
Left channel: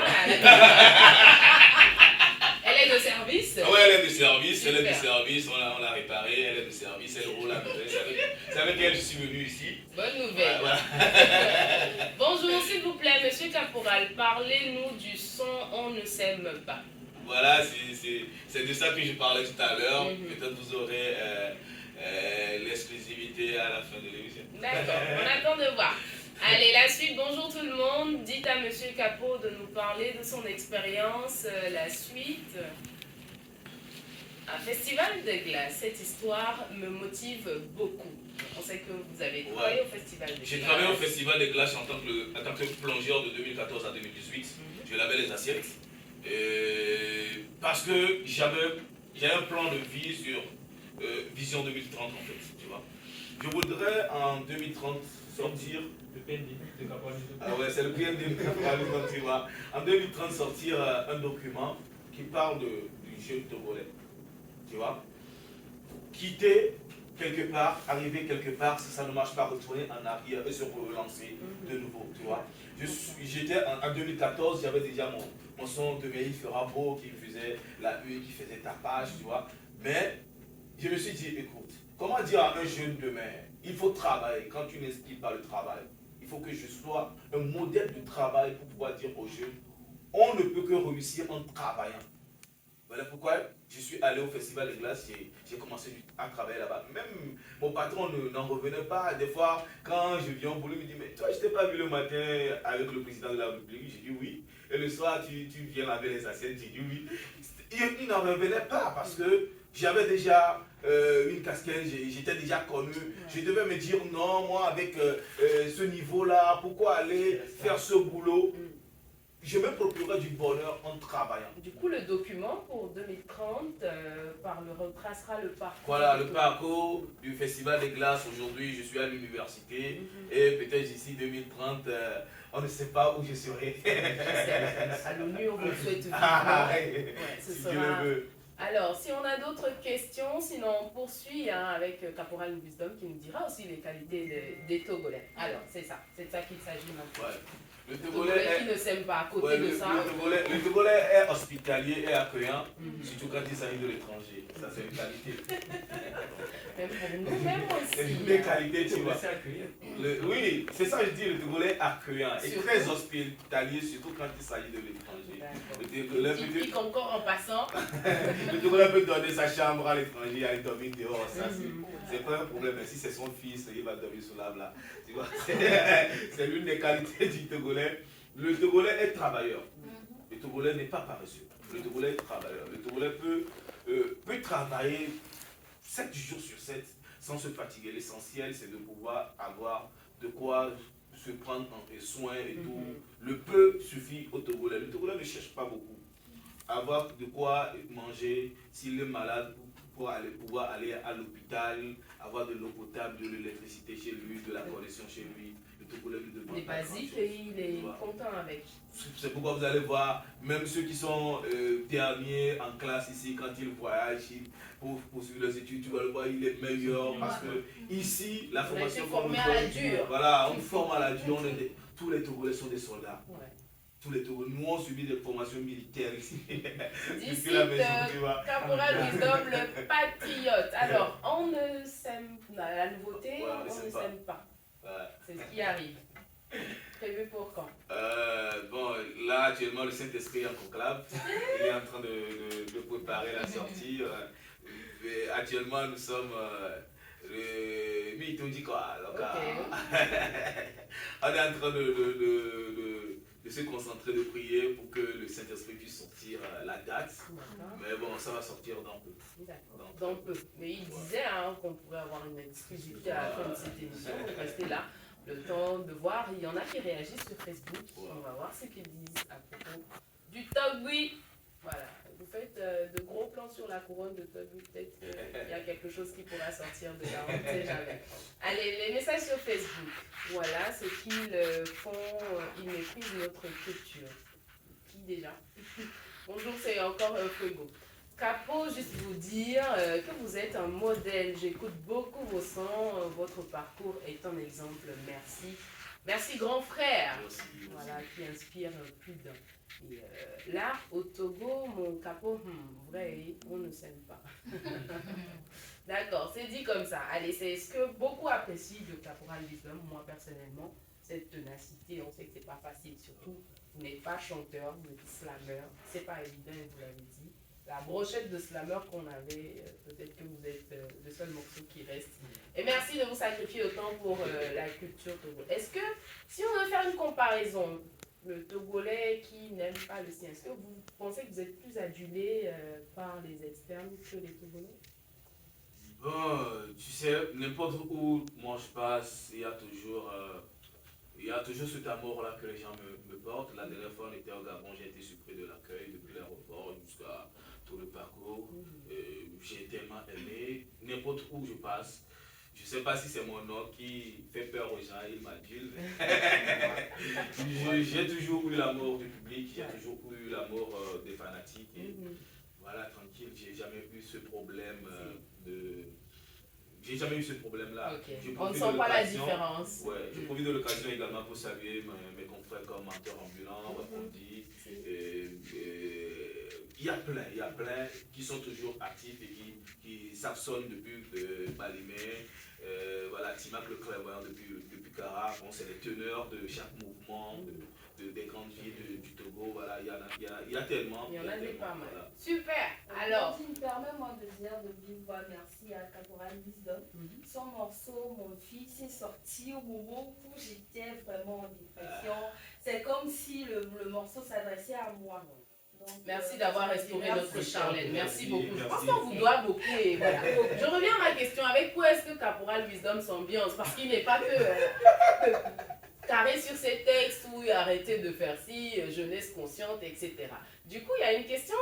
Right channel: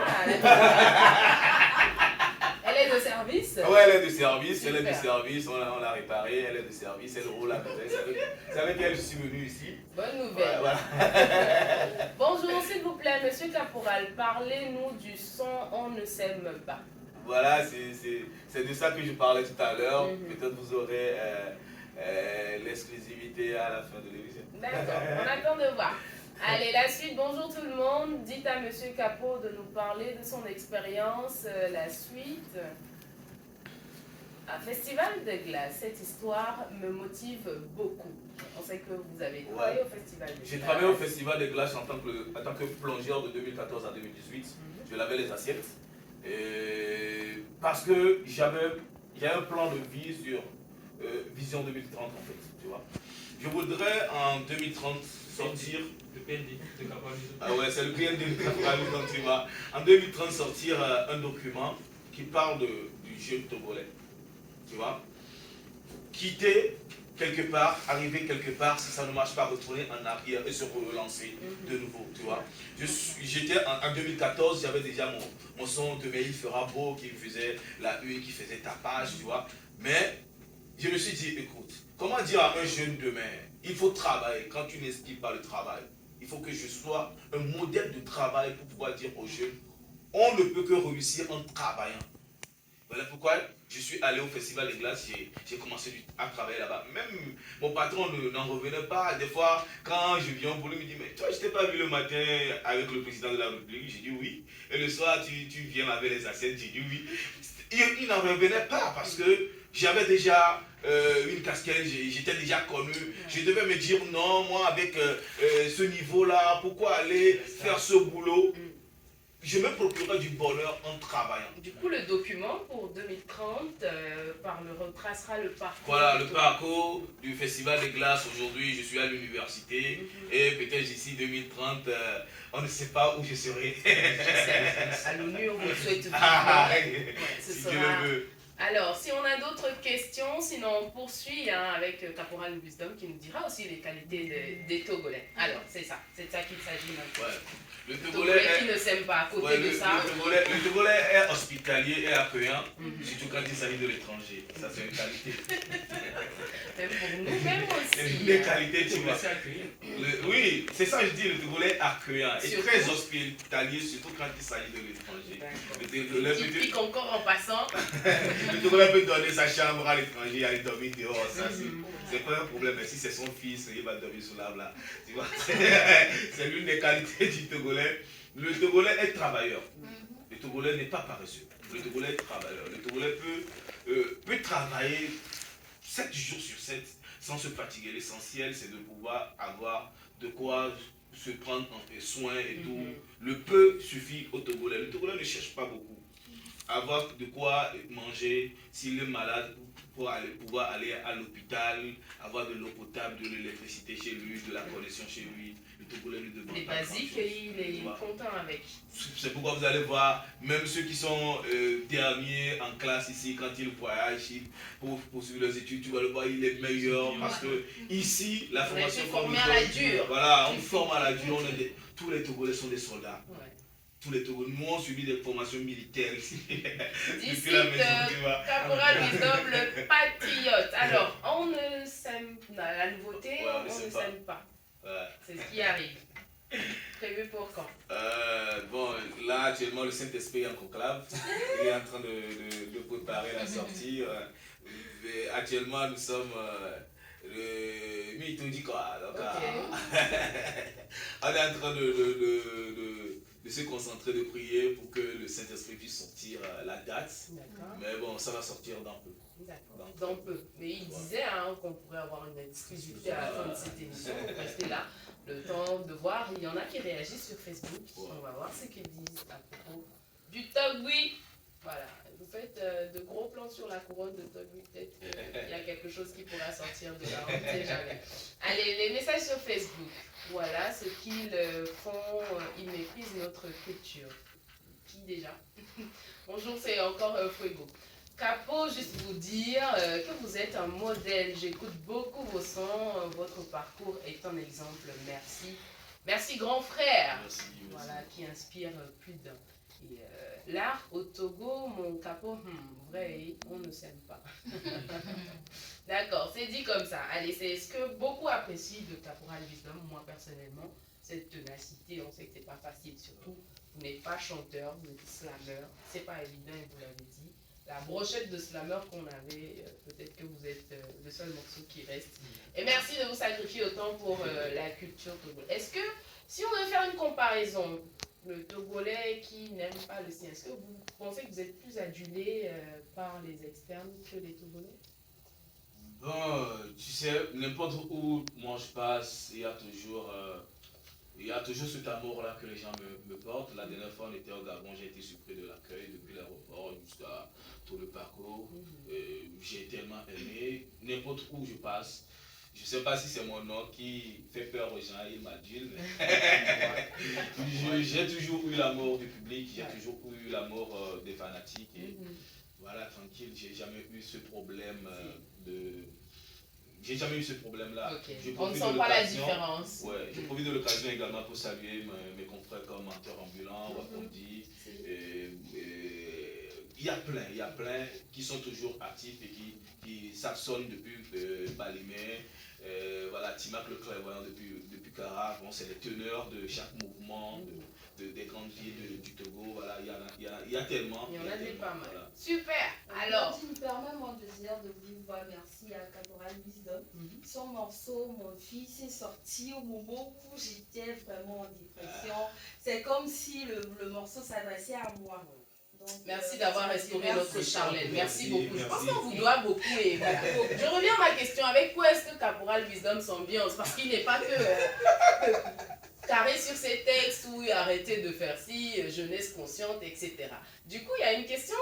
Elle est de service? Oui, elle est de service, Super. elle est de service, on l'a réparée, elle est de service, elle roule à peu près. C'est avec elle que je suis venu ici. Bonne nouvelle. Voilà. Bonjour, s'il vous plaît, monsieur Caporal, parlez-nous du son On ne s'aime pas. Voilà, c'est de ça que je parlais tout à l'heure. Peut-être vous aurez l'exclusivité à la fin de l'émission. D'accord, on attend de voir. Allez, la suite. Bonjour tout le monde. Dites à monsieur Capot de nous parler de son expérience. La suite. Un festival de glace. Cette histoire me motive beaucoup. On sait que vous avez travaillé au festival de glace. J'ai travaillé au festival de glace en tant que plongeur de 2014 à 2018. Je lavais les assiettes. Parce que j'avais un plan de vie sur Vision 2030 en fait, tu vois. Je voudrais en 2030 sortir... Le PND de Caporal. Ah ouais, c'est le PND de Caporal, tu vois. En 2030 sortir un document qui parle du jeune Togolais, tu vois. Quitter quelque part, arriver quelque part, si ça ne marche pas, retourner en arrière et se relancer de nouveau, tu vois. J'étais en 2014, j'avais déjà mon son de Il fera beau qui faisait la une, qui faisait tapage, tu vois. Mais je me suis dit, écoute, comment dire à un jeune demain, il faut travailler. Quand tu n'inspires pas le travail, il faut que je sois un modèle de travail pour pouvoir dire aux jeunes, on ne peut que réussir en travaillant. Voilà pourquoi je suis allé au Festival des Glaces, j'ai commencé à travailler là-bas. Même mon patron n'en revenait pas. Des fois, quand je viens au boulot, il me dit, mais toi, je t'ai pas vu le matin avec le président de la République. J'ai dit oui. Et le soir, tu viens laver les assiettes. J'ai dit oui. Il n'en revenait pas parce que j'avais déjà une casquette, j'étais déjà connu. Je devais me dire non, moi, avec ce niveau-là, pourquoi aller faire ce boulot? Je me procurerai du bonheur en travaillant. Du coup, le document pour 2030 retracera le parcours. Voilà, le parcours du Festival des Glaces. Aujourd'hui, je suis à l'université et peut-être d'ici 2030, on ne sait pas où je serai. À l'ONU, on vous le souhaite vivement. Ce Si sera... Dieu le veut. Alors, si on a d'autres questions, sinon on poursuit avec Caporal Wisdom qui nous dira aussi les qualités des Togolais. Alors, c'est ça qu'il s'agit maintenant. Ouais. Le Togolais qui ne s'aime pas. À côté de ça. Le Togolais est hospitalier et accueillant, surtout quand il s'agit de l'étranger. Ça, c'est une qualité. Même pour nous, même aussi. C'est une qualité, tu vois. Accueillir. Oui, c'est ça que je dis, le Togolais est accueillant et Surtout. très hospitalier, surtout quand il s'agit de l'étranger. Qui pique encore en passant. Le Togolais peut donner sa chambre à l'étranger, aller dormir dehors, ça c'est pas un problème. Mais si c'est son fils, il va dormir sous l'arbre là. Tu vois, c'est l'une des qualités du Togolais. Le Togolais est travailleur. Le Togolais n'est pas paresseux. Le Togolais est travailleur. Le Togolais peut travailler 7 jours sur 7 sans se fatiguer. L'essentiel, c'est de pouvoir avoir de quoi se prendre soin et tout. Le peu suffit au Togolais. Le Togolais ne cherche pas beaucoup. Avoir de quoi manger, s'il est malade, pour pouvoir aller à l'hôpital, avoir de l'eau potable, de l'électricité chez lui, de la connexion chez lui. Le Togolais lui demande Les pas basiques, grand-chose. il est content avec. C'est pourquoi vous allez voir, même ceux qui sont derniers en classe ici, quand ils voyagent pour poursuivre leurs études, tu vas le voir, il est meilleur parce que ici, la On a formation été qu'on formés nous à la donne, dure. voilà, on forme à la dure, tous les Togolais sont des soldats. Ouais. Tous les Togolais, nous on subit des formations militaires ici. D'ici, Depuis la maison, tu vois. Caporal Wisdom, le patriote. Alors, on ne sème pas. La nouveauté, Ouais, on ne sème pas. Ouais. C'est ce qui arrive. Prévu pour quand? Bon, là actuellement le Saint-Esprit est en conclave. Il est en train de préparer la sortie. Mais actuellement nous sommes le mi-dit quoi. Donc, on est en train de se concentrer, de prier pour que le Saint-Esprit puisse sortir la date. Mais bon, ça va sortir dans peu. D'accord, dans peu. Mais il disait qu'on pourrait avoir une exclusivité à la fin de cette émission. Donc restez là. Le temps de voir, il y en a qui réagissent sur Facebook. On va voir ce qu'ils disent à propos du Togui. Voilà, vous faites de gros plans sur la couronne de Togui. Peut-être qu'il y a quelque chose qui pourra sortir de là, on ne sait jamais. Allez, les messages sur Facebook. Voilà ce qu'ils font. Ils méprisent notre culture. Qui déjà? Bonjour, c'est encore Fuego. Capo, juste vous dire que vous êtes un modèle. J'écoute beaucoup vos sons. Votre parcours est un exemple. Merci. Merci, grand frère. Merci. Voilà, qui inspire plus d'un. Et là, au Togo, mon Capo, vrai, on ne s'aime pas. D'accord, c'est dit comme ça. Allez, c'est ce que beaucoup apprécient de Caporal Wisdom. Moi, personnellement, cette ténacité, on sait que c'est pas facile. Surtout, vous n'êtes pas chanteur, vous êtes slammer. C'est pas évident, vous l'avez dit. La brochette de slammer qu'on avait, peut-être que vous êtes le seul morceau qui reste. Et merci de vous sacrifier autant pour la culture togolaise. Est-ce que, si on veut faire une comparaison, le Togolais qui n'aime pas le sien, est-ce que vous pensez que vous êtes plus adulé par les externes que les Togolais? Bon, tu sais, n'importe où moi je passe, il y a toujours cet amour-là que les gens me portent. La dernière fois, on était au Gabon, j'ai été surpris de l'accueil depuis l'aéroport jusqu'à tout le parcours. J'ai tellement aimé. N'importe où je passe, je ne sais pas si c'est mon nom qui fait peur aux gens, il m'adule. J'ai toujours eu l'amour du public, j'ai toujours eu l'amour des fanatiques. Et voilà, tranquille, j'ai jamais eu ce problème J'ai jamais eu ce problème-là. Okay. On ne sent pas la différence. Ouais, je profite de l'occasion également pour saluer mes confrères comme Menteur Ambulant, Wapondi. Il y a plein qui sont toujours actifs et qui s'absonnent depuis Balimé. Voilà, Timac le clairvoyant depuis Cara. Bon, c'est les teneurs de chaque mouvement, des grandes villes du Togo. Voilà, il y a tellement. Il y en a pas mal. Voilà. Super. Alors, tu me permets moi de dire de vive voix merci à Caporal Wisdom. Son morceau, Mon fils, est sorti au moment où j'étais vraiment en dépression. C'est comme si le morceau s'adressait à moi. Donc, merci d'avoir restauré notre Charlène. Merci beaucoup. Je pense Merci. qu'on vous doit beaucoup. Et voilà. Je reviens à ma question. Avec quoi est-ce que Caporal Wisdom s'ambiance? Parce qu'il n'est pas que carré sur ses textes ou arrêter de faire ci, jeunesse consciente, etc. Du coup, il y a une question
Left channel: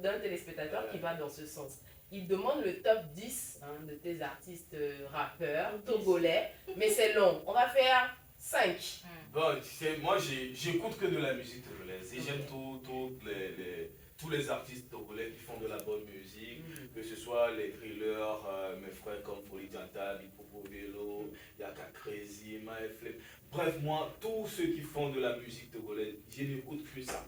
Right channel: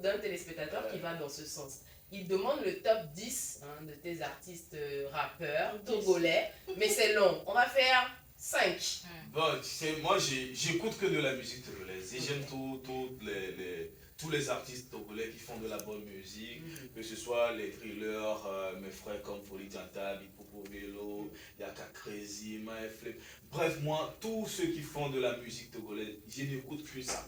d'un téléspectateur qui va dans ce sens. Il demande le top 10 de tes artistes rappeurs togolais, mais c'est long. On va faire 5. Bon, tu sais, moi j'écoute que de la musique togolaise et j'aime tous les artistes togolais qui font de la bonne musique, que ce soit les thrillers, mes frères comme Folie Tanta, Bipopo Vélo, Yaka Crazy, Maeflep. Bref, moi, tous ceux qui font de la musique togolaise, je n'écoute que ça.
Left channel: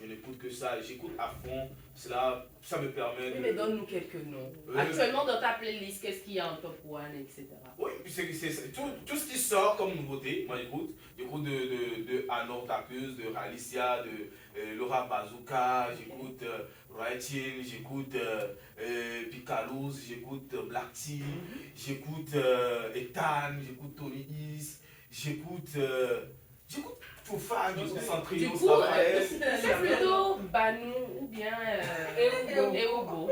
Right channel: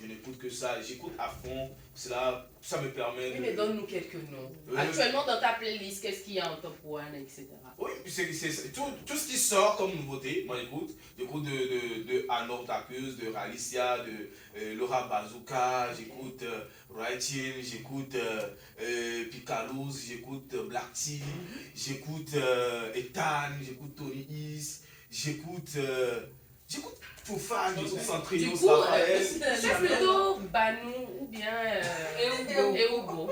Je n'écoute que ça, j'écoute à fond. Cela, ça me permet de... Mais donne-nous quelques noms. Actuellement, dans ta playlist, qu'est-ce qu'il y a en top 1, etc. Oui, c'est tout ce qui sort comme nouveauté, moi j'écoute. J'écoute de Anor Tapeuse, de Ralicia, de Laura Bazooka, j'écoute Raitin, j'écoute Picalouz, j'écoute Black Tea, j'écoute Ethan, j'écoute Tony Is, j'écoute Foufa, j'écoute Centrio, Du coup, c'est plutôt Banou ou bien Eogo.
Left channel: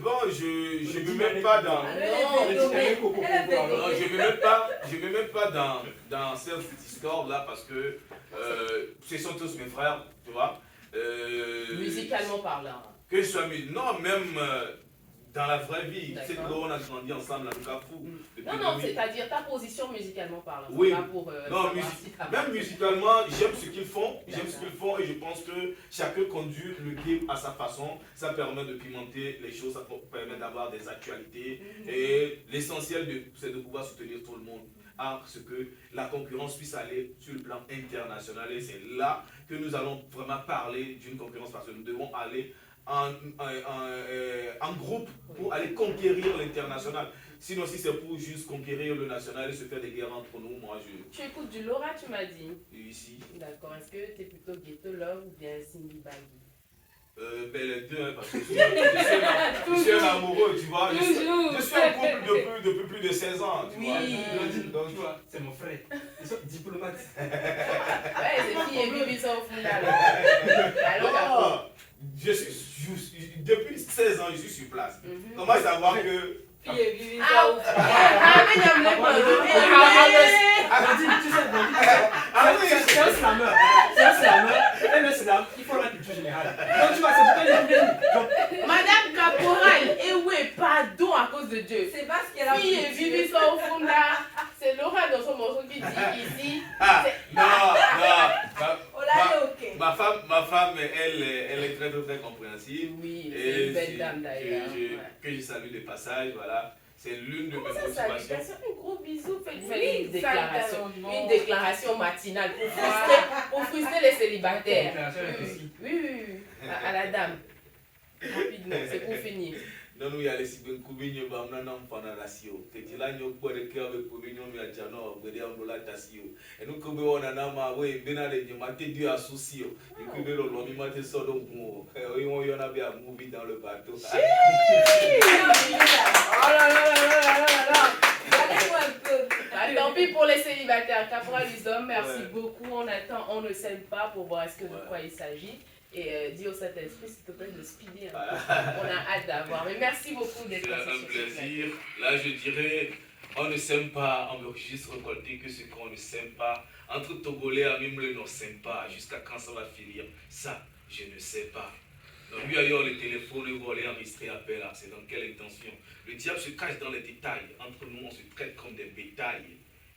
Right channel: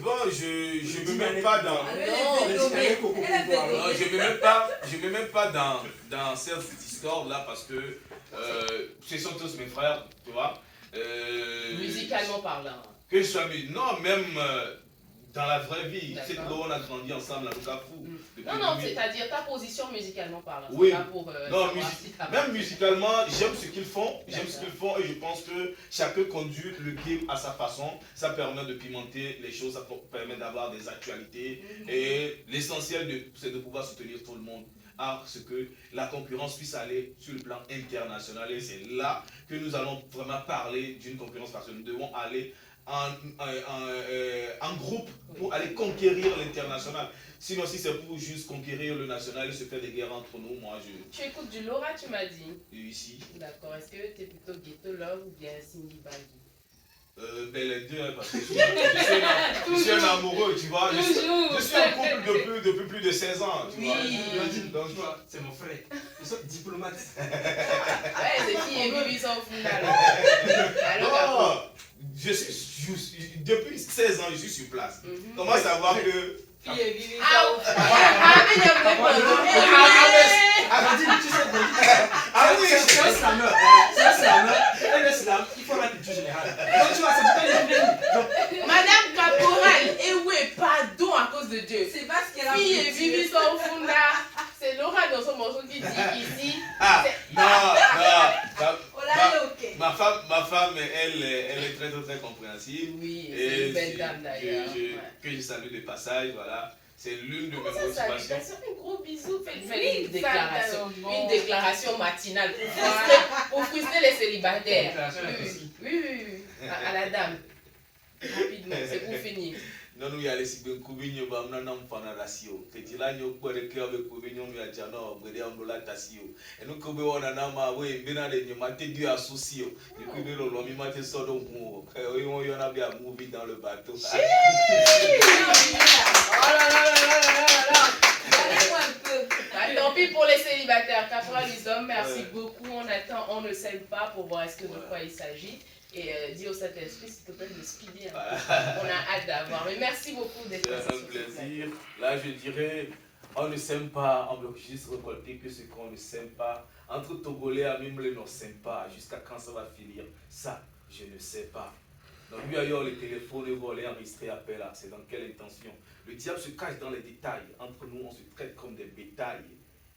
Bon, je ne me mets pas dans... Je me mets pas dans cette discorde-là parce que ce sont tous mes frères, tu vois. Musicalement parlant. Que je sois non, même Dans la vraie vie, c'est que D'accord. on a grandi ensemble à Lukaku. Non, non, c'est-à-dire ta position musicalement parlant. c'est Oui. pas pour, Non, savoir si t'as- même musicalement, j'aime ce qu'ils font. J'aime D'accord. ce qu'ils font et je pense que chacun conduit le game à sa façon. Ça permet de pimenter les choses, ça permet d'avoir des actualités. Et l'essentiel, c'est de pouvoir soutenir tout le monde. À ce que la concurrence puisse aller sur le plan international. Et c'est là que nous allons vraiment parler d'une concurrence parce que nous devons aller en groupe pour aller conquérir l'international. Sinon, si c'est pour juste conquérir le national et se faire des guerres entre nous, moi je. Tu écoutes du Laura, tu m'as dit. Ici. D'accord. Est-ce que tu es plutôt Ghetto Love ou bien Cindy Baggy? Ben les deux, hein, parce que je suis un amoureux, tu vois. Je suis en couple depuis plus de 16 ans, tu vois. Donc, tu vois, c'est mon frère. Ils sont diplomates. Ouais, c'est qui est Bibi sans fou là. Alors, Non, depuis 16 ans, je suis sur place. Comment savoir que. ah, mais il y a un Ah oui, C'est un slammer. C'est un slammer. Et le slam, il faut la culture générale. Donc, tu vois, c'est pourquoi il est venu. Madame Caporal, et oui, pardon à cause de Dieu. C'est parce qu'elle a Fille et Bibi sans fou là. C'est Laura dans son morceau qui dit ici. Ah, non. On l'a ok. Ma femme elle est très, très, très compréhensive. Oui, Et c'est une belle dame d'ailleurs. Ouais. Que je salue de passage, voilà. C'est l'une de mes Comment ça, motivations. salutation, un gros bisou, faites Oui, une déclaration. certainement. Une déclaration matinale pour frustrer les célibataires. Déclaration impossible. Oui. À la dame. Rapidement, c'est pour finir. Non, nous y allons si bien couper, bah on a un enfant dans la sio. Petit là, nous avons des cœurs avec couper, nous y a déjà non, vous voyez on doit la tasio. Et nous couper on a un ma ouais, bien allé, nous maté Dieu associé. Et puis nous l'on mi maté ça donc mou. On y en a bien movie dans le bateau. Oh là là. Bah, tant pis pour les célibataires. Caporal Lizom, merci beaucoup. On attend, on ne sait pas pour voir de quoi il s'agit. Et dis au Saint-Esprit, s'il te plaît, de speeder. On a hâte d'avoir. Mais merci beaucoup d'être là. C'est un plaisir. Là, je dirais, on ne s'aime pas, on veut juste récolter que ce qu'on ne s'aime pas. Entre Togolais, même le ne s'aime pas. Jusqu'à quand ça va finir? Ça, je ne sais pas. Donc, lui, ailleurs, le téléphone, le volet, enregistré, appel, c'est dans quelle intention? Le diable se cache dans les détails. Entre nous, on se traite comme des bétails.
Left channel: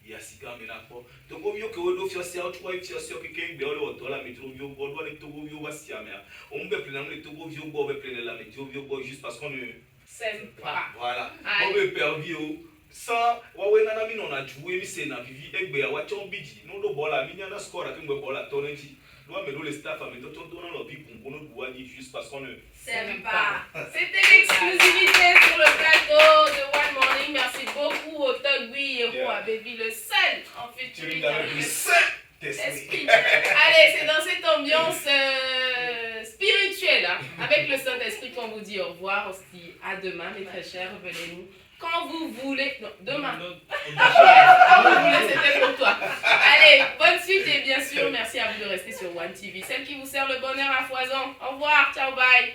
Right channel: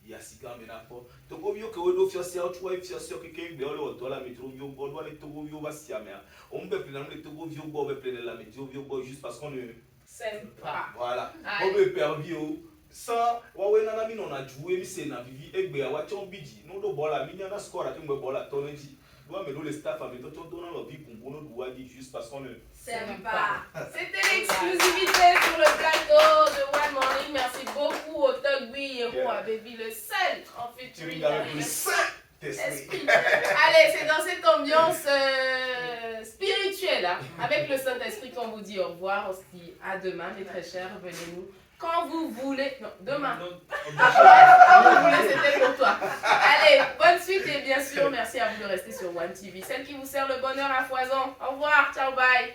Il y a si grand ménage. Togo vio que on fait ça, tu vois, il fait ça que quelqu'un de l'autre dollar, mais Togo vio, on doit les Togo vio bastia, mais on peut plein les Togo vio, on peut plein la, mais Togo vio juste parce qu'on ne s'aime pas. Voilà. On peut perdre vio. Sans, ouais, nana, mi non a joué, mi c'est na vivi, et bien, ouais, tu en bidi, non, le bola, mi n'a score à qui me bola, ton équipe. Nous, mais nous, les staff, mais tu en donnant leur vie pour nous doit dire juste parce qu'on ne s'aime pas. C'était l'exclusivité sur le plateau de One Morning. Merci beaucoup au Togui Héros à Baby, le seul en featuring avec le Saint-Esprit. Allez, c'est dans cette ambiance spirituelle, hein, avec le Saint-Esprit qu'on vous dit au revoir. On se dit à demain, mes très chers. Revenez-nous quand vous voulez. Non, demain. Quand vous voulez, c'était pour toi. Allez, bonne suite et bien sûr, merci à vous de rester sur One TV, celle qui vous sert le bonheur à foison. Au revoir, ciao, bye.